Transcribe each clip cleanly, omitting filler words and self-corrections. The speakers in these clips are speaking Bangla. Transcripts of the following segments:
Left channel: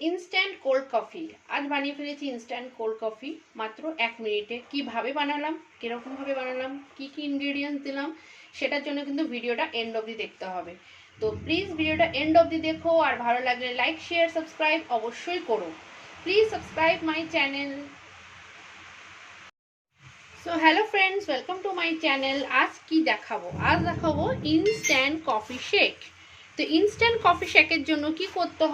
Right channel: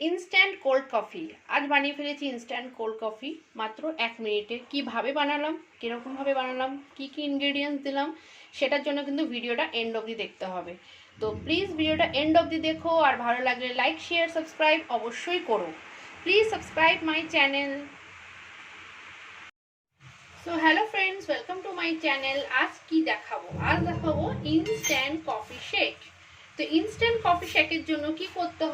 ইনস্ট্যান্ট কোল্ড কফি আজ বানিয়ে ফেলেছি। ইনস্ট্যান্ট কোল্ড কফি মাত্র 1 মিনিটে। কিভাবে বানালাম, কীরকমভাবে বানালাম, কি কি ইনগ্রেডিয়েন্টস দিলাম, সেটার জন্য কিন্তু ভিডিওটা এন্ড অবধি দেখতে হবে। তো প্লিজ ভিডিওটা এন্ড অবধি দেখো, আর ভালো লাগলে লাইক শেয়ার সাবস্ক্রাইব অবশ্যই করো। Please subscribe my channel. So hello friends, welcome to my channel. আজ কি দেখাবো? আজ দেখাবো ইনস্ট্যান্ট কফি শেক। তো ইনস্ট্যান্ট কফি শেকের জন্য কি করতে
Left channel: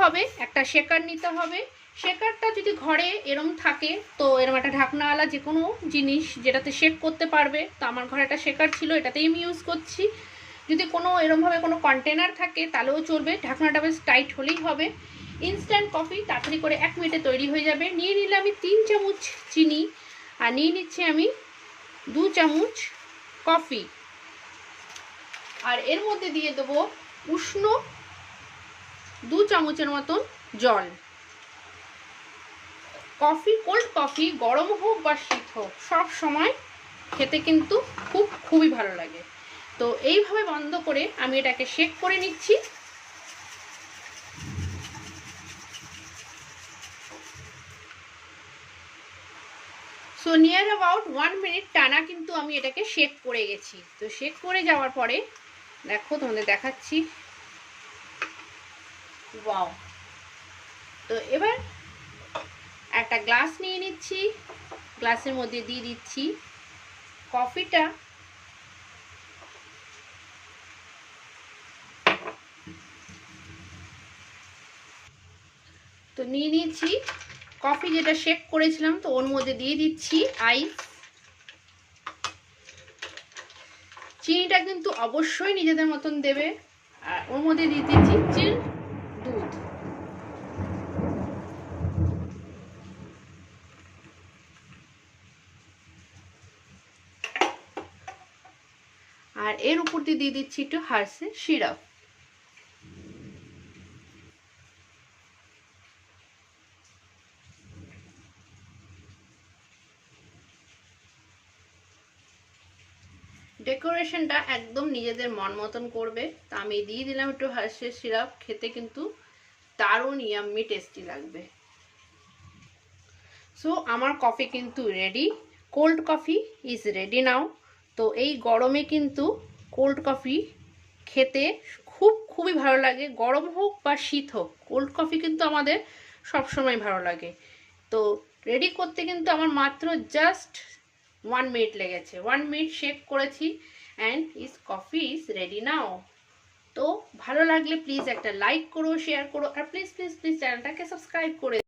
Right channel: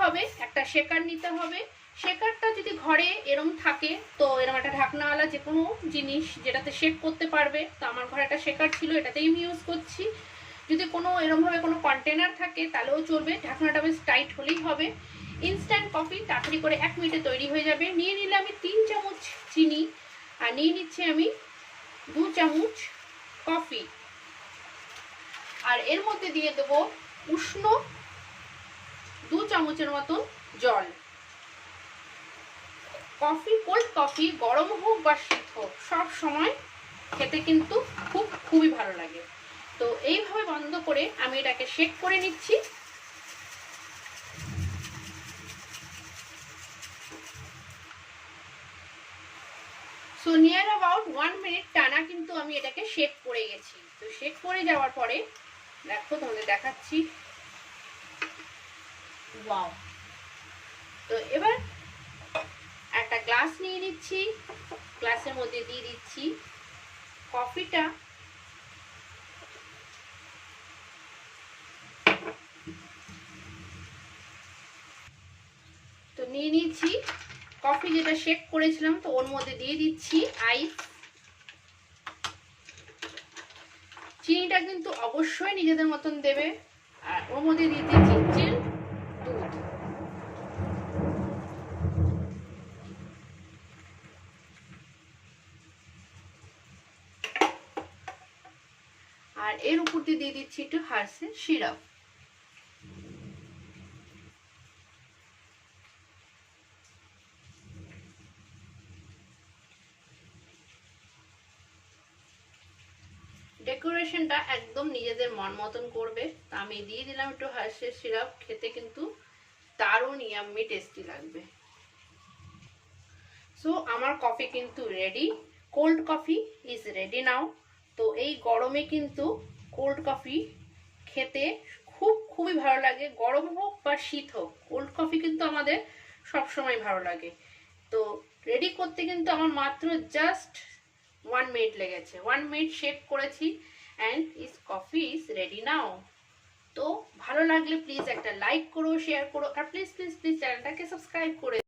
হবে একটা শেকার নিতে হবে। শেকারটা যদি ঘরে এরম থাকে তো এরম একটা ঢাকনাওয়ালা যে কোনো জিনিস যেটাতে শেক করতে পারবে। তো আমার ঘরে একটা শেকার ছিল, এটাতেই আমি ইউজ করছি। যদি কোনো এরমভাবে কোনো কন্টেনার থাকে তাহলেও চলবে, ঢাকনাটা বেশ টাইট হলেই হবে। ইনস্ট্যান্ট কফি তাড়াতাড়ি করে 1 মিনিটে তৈরি হয়ে যাবে। নিয়ে নিলে আমি 3 চামচ চিনি, আর নিয়ে নিচ্ছি আমি 2 চামচ কফি, আর এর মধ্যে দিয়ে দেবো উষ্ণ 2 চামচের মতন জল। কফি, কোল্ড কফি গরম হোক বা শীত হোক, সব সময় খেতে কিন্তু খুবই ভালো লাগে। তো এইভাবে বন্ধ করে আমি এটাকে শেক করে নিচ্ছি। সো নিয়ার অ্যাবাউট 1 মিনিট টানা কিন্তু আমি এটাকে শেক করে গেছি। তো শেক করে যাওয়ার পরে দেখো, তোমাদের দেখাচ্ছি। ওয়াও! তো এবার একটা গ্লাস নিয়ে নিচ্ছি, গ্লাসের মধ্যে দিয়ে দিচ্ছি কফিটা। তো নিয়ে নিচ্ছি কফি যেটা শেক করেছিলাম, তো ওর মধ্যে দিয়ে দিচ্ছি আইস। চিনিটা কিন্তু অবশ্যই নিজেদের মতন দেবে। আর ওর মধ্যে দিয়ে দিচ্ছি চিল দুধ। আর এর উপর দিয়ে দিচ্ছি একটু হার্সের সিরাপ। ডেকোরেশনটা একদম নিজেদের মন মতন করবে। তা আমি দিয়ে দিলাম একটু হার্সের সিরাপ। খেতে কিন্তু দারুণ ইয়াম্মি টেস্টি লাগবে। সো আমার কফি কিন্তু ready. Cold coffee is ready now. তো এই গরমে কিন্তু কোল্ড কফি খেতে খুবই ভালো লাগে। গরম হোক বা শীত হোক, কোল্ড কফি কিন্তু আমাদের সব সময় ভালো লাগে। তো রেডি করতে কিন্তু আমার মাত্র জাস্ট 1 মিনিট লেগেছে। 1 মিনিট শেক করেছি and this coffee is ready now. তো ভালো লাগলে প্লিজ একটা লাইক করো, শেয়ার করো, আর প্লিজ প্লিজ প্লিজ চ্যানেলটাকে সাবস্ক্রাইব করে